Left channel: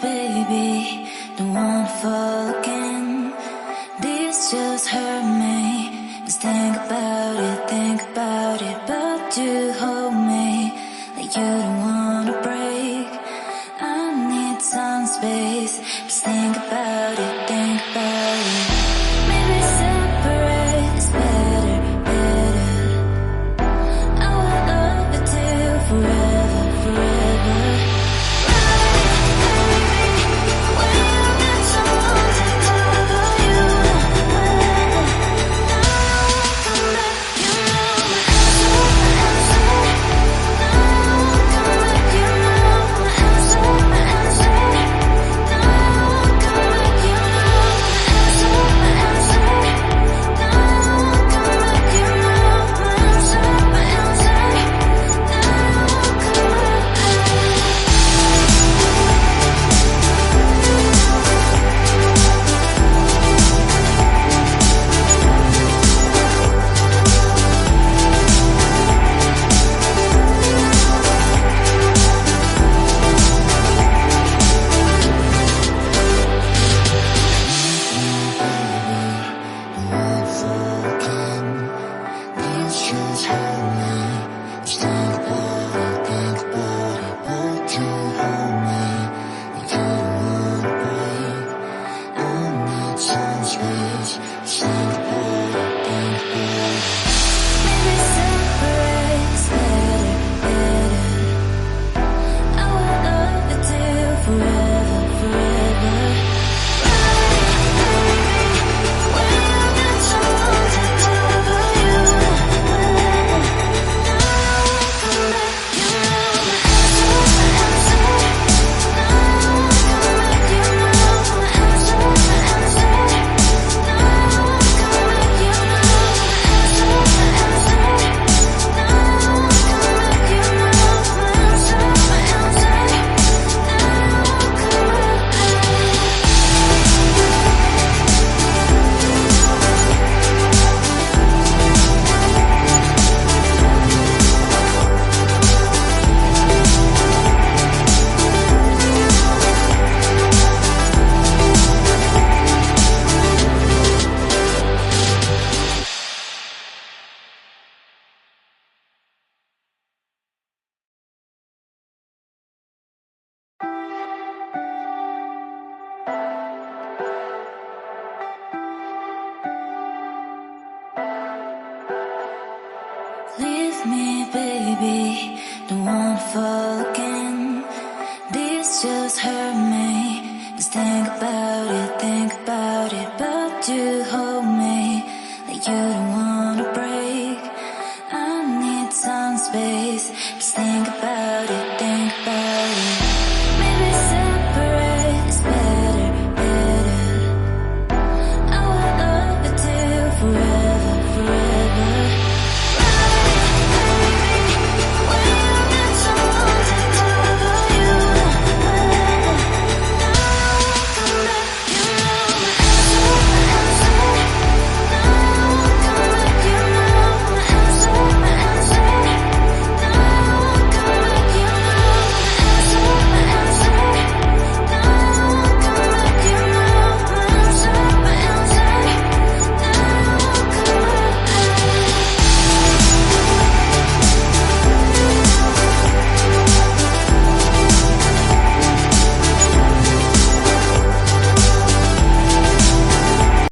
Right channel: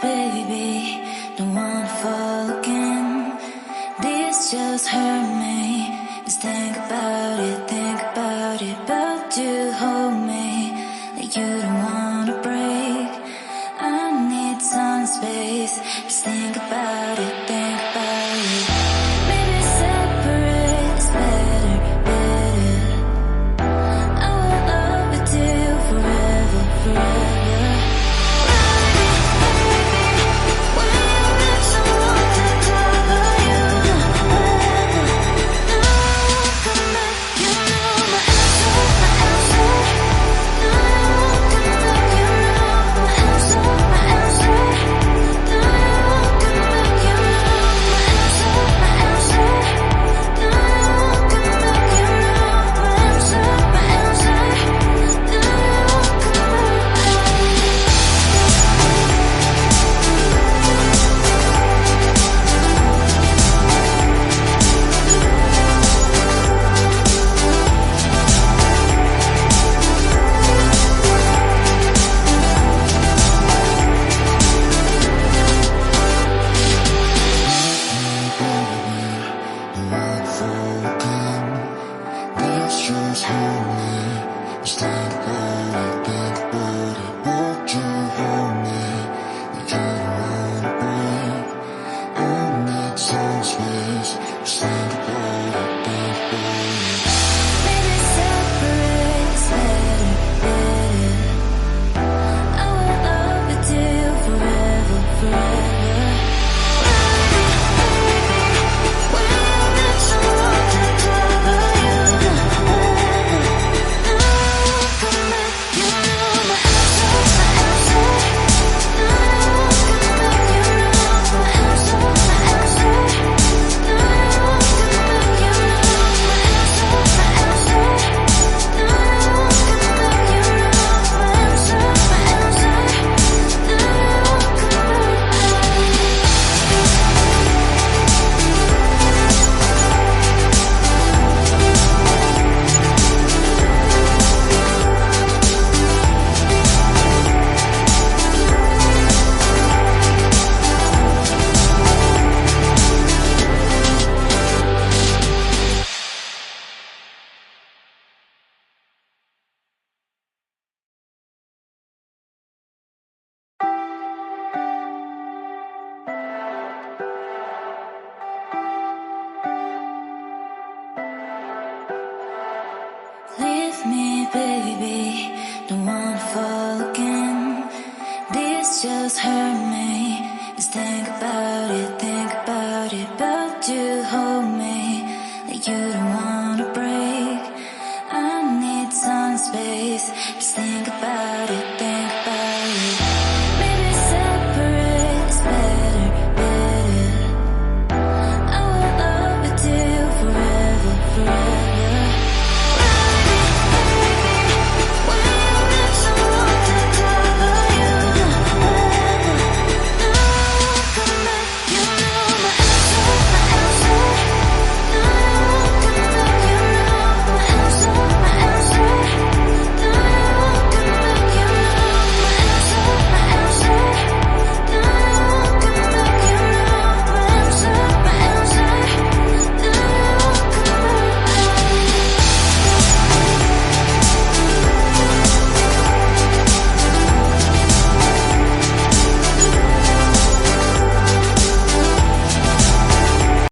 baby, don't wanna fall again. This just hurt me. Just think about it, but you hold me like you don't wanna break. I need some space. Just think about it, Maybe separate is better, better. I will love you till forever, forever. Leave me, baby, don't wanna fall again. This just hurt me. Just think about it, but you hold me like you don't wanna break. I need some space. Just think about it, Maybe separate is better, better. I will love you till forever, forever.